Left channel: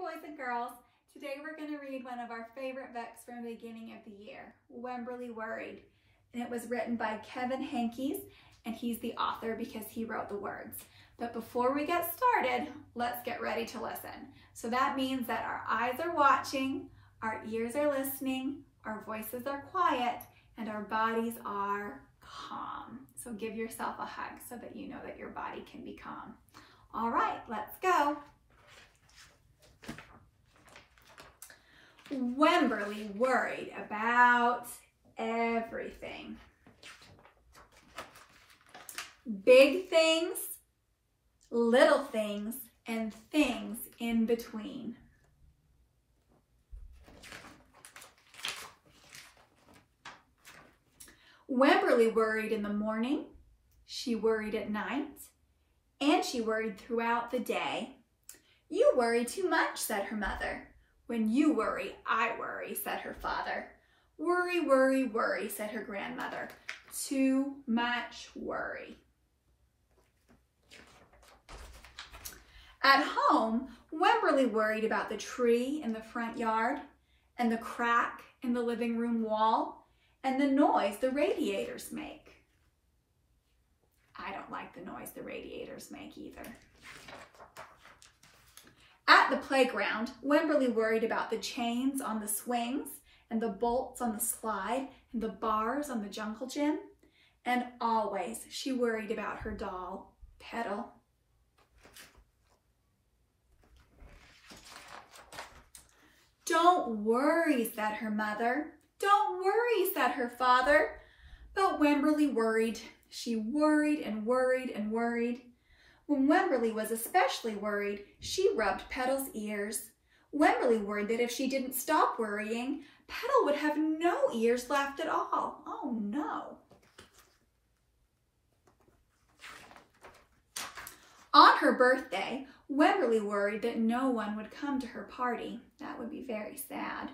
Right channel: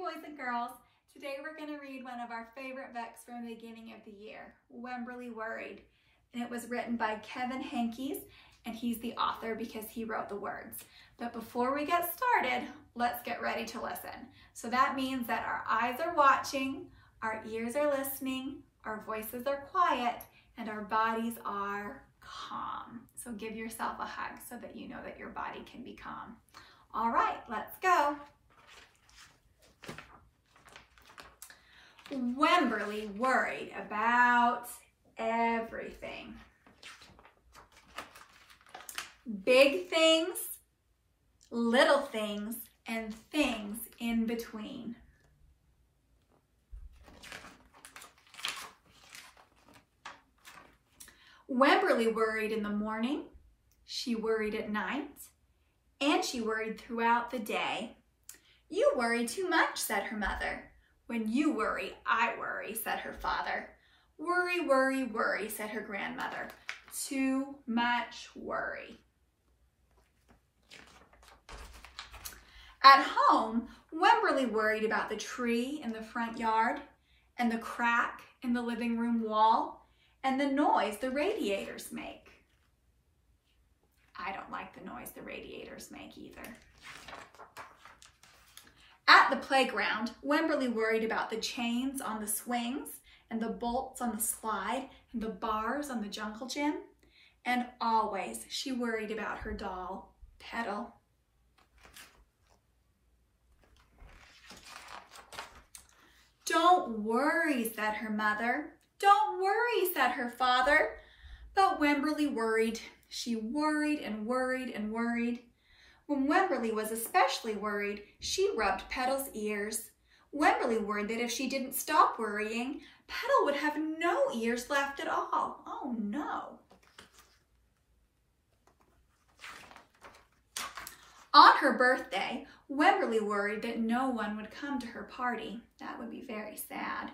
boys and girls. Today we're going to read one of our favorite books from the beginning of the year, Wemberly Worried. And it was written by Kevin Henkel, and he's the author because he wrote the words. But before we get started, let's get ready to listen. So that means that our eyes are watching, our ears are listening, our voices are quiet, and our bodies are calm. So give yourself a hug so that you know that your body can be calm. All right, let's go. Wemberly worried about everything. Big things, little things, and things in between. Wemberly worried in the morning, she worried at night, and she worried throughout the day. "You worry too much," said her mother. "When you worry, I worry," said her father. "Worry, worry, worry," said her grandmother. "Too much worry." At home, Wemberly worried about the tree in the front yard, and the crack in the living room wall, and the noise the radiators make. I don't like the noise the radiators make either. At the playground, Wemberly worried about the chains on the swings, and the bolts on the slide, and the bars on the jungle gym. And always she worried about her doll, Petal. "Don't worry," said her mother. "Don't worry," said her father. But Wemberly worried. She worried and worried and worried. When Wemberly was especially worried, she rubbed Petal's ears. Wemberly worried that if she didn't stop worrying, Petal would have no ears left at all. Oh no. On her birthday, Wemberly worried that no one would come to her party. That would be very sad.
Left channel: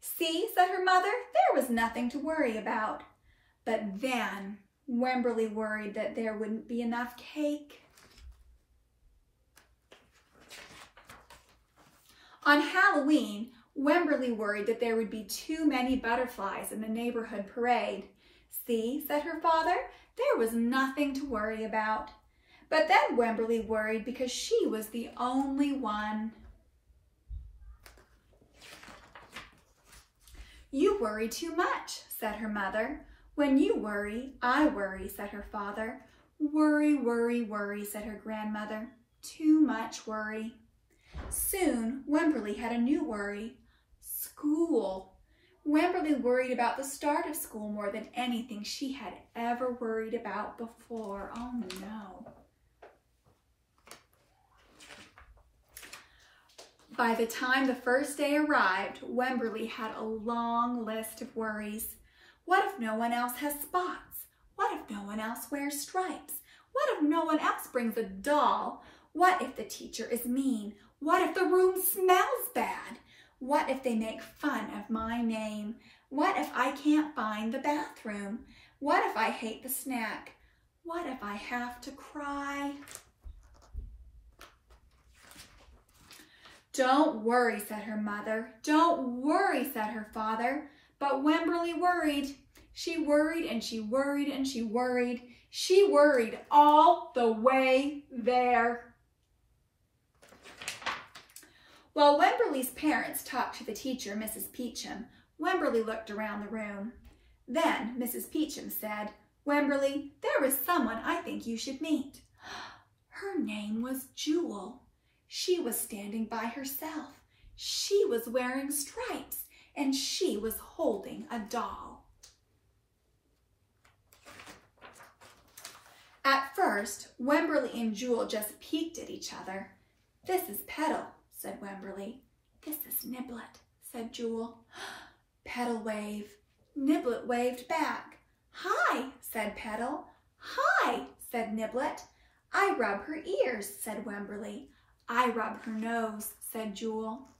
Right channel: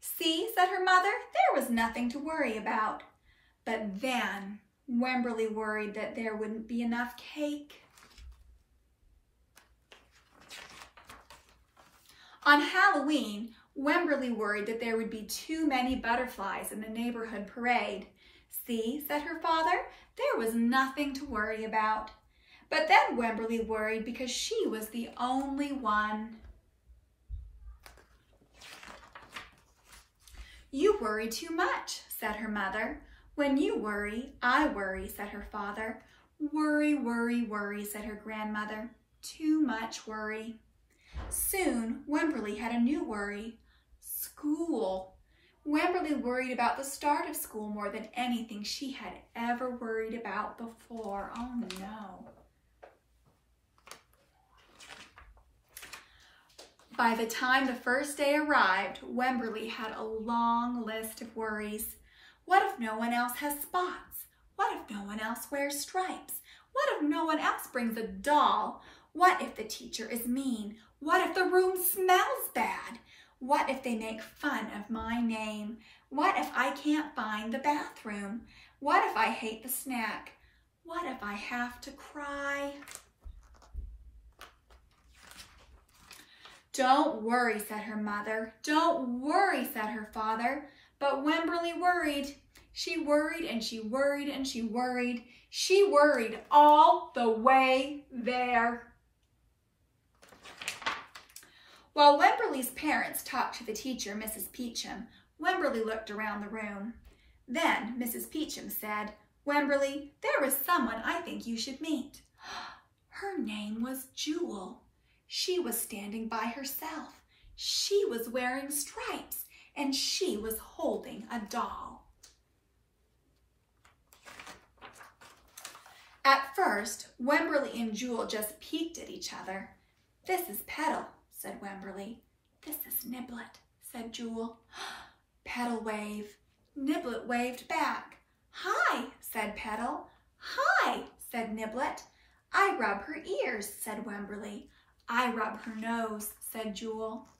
"See," said her mother, "there was nothing to worry about." But then Wemberly worried that there wouldn't be enough cake. On Halloween, Wemberly worried that there would be too many butterflies in the neighborhood parade. "See," said her father, "there was nothing to worry about." But then Wemberly worried because she was the only one. "You worry too much," said her mother. "When you worry, I worry," said her father. "Worry, worry, worry," said her grandmother. "Too much worry." Soon, Wemberly had a new worry. School. Wemberly worried about the start of school more than anything she had ever worried about before. Oh no. By the time the first day arrived, Wemberly had a long list of worries. What if no one else has spots? What if no one else wears stripes? What if no one else brings a doll? What if the teacher is mean? What if the room smells bad? What if they make fun of my name? What if I can't find the bathroom? What if I hate the snack? What if I have to cry? "Don't worry," said her mother. "Don't worry," said her father. But Wemberly worried. She worried and she worried and she worried. She worried all the way there. While Wemberly's parents talked to the teacher, Mrs. Peachum, Wemberly looked around the room. Then Mrs. Peachum said, "Wemberly, there is someone I think you should meet." Her name was Jewel. She was standing by herself. She was wearing stripes, and she was holding a doll. At first, Wemberly and Jewel just peeked at each other. "This is Petal," said Wemberly. "This is Niblet," said Jewel. Petal waved. Niblet waved back. "Hi," said Petal. "Hi," said Niblet. "I rub her ears," said Wemberly. "I rub her nose," said Jewel.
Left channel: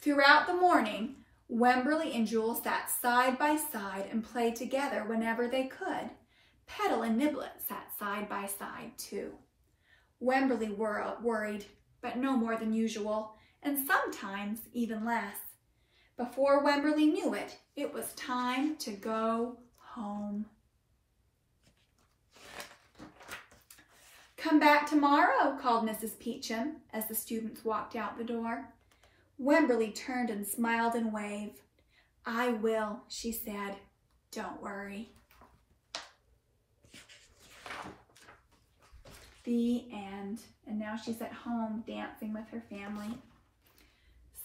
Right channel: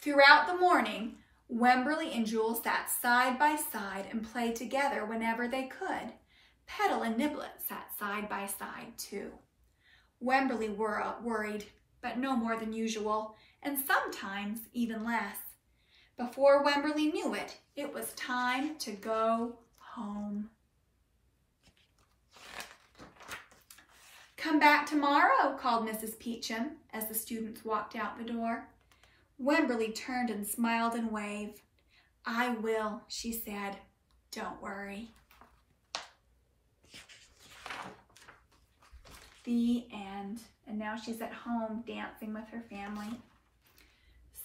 Throughout the morning, Wemberly and Jewel sat side by side and played together whenever they could. Petal and Niblet sat side by side too. Wemberly worried, but no more than usual, and sometimes even less. Before Wemberly knew it, it was time to go home. "Come back tomorrow," called Mrs. Peachum as the students walked out the door. Wemberly turned and smiled and waved. "I will," she said. "Don't worry." The end. And now she's at home dancing with her family.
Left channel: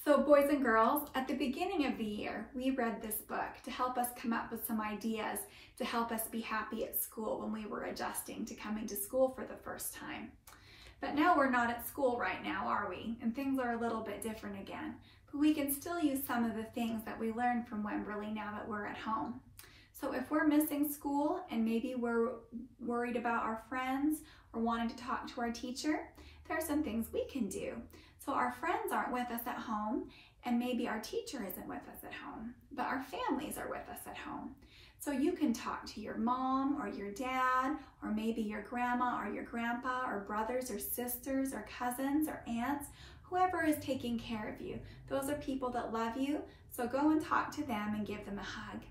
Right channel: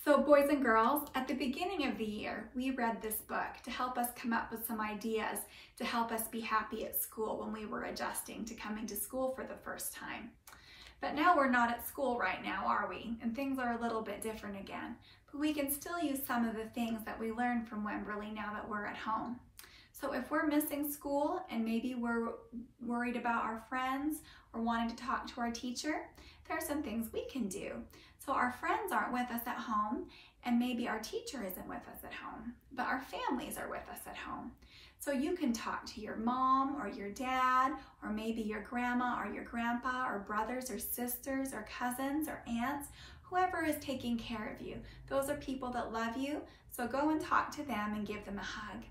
So boys and girls, at the beginning of the year, we read this book to help us come up with some ideas to help us be happy at school when we were adjusting to coming to school for the first time. But now we're not at school right now, are we? And things are a little bit different again. But we can still use some of the things that we learned from Wemberly now that we're at home. So if we're missing school and maybe we're worried about our friends or wanting to talk to our teacher, there are some things we can do. So our friends aren't with us at home, and maybe our teacher isn't with us at home, but our families are with us at home. So you can talk to your mom or your dad, or maybe your grandma or your grandpa, or brothers or sisters or cousins or aunts, whoever is taking care of you. Those are people that love you, so go and talk to them and give them a hug.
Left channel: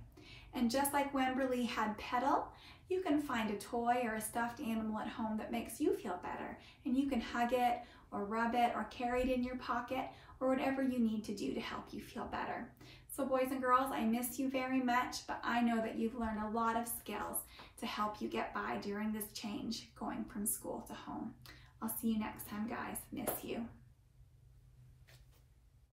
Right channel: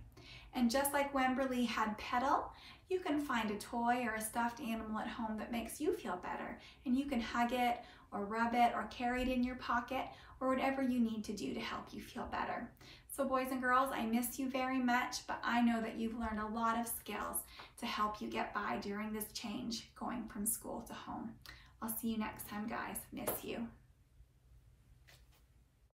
And just like Wemberly had Petal, you can find a toy or a stuffed animal at home that makes you feel better, and you can hug it or rub it or carry it in your pocket or whatever you need to do to help you feel better. So boys and girls, I miss you very much, but I know that you've learned a lot of skills to help you get by during this change going from school to home. I'll see you next time, guys. Miss you.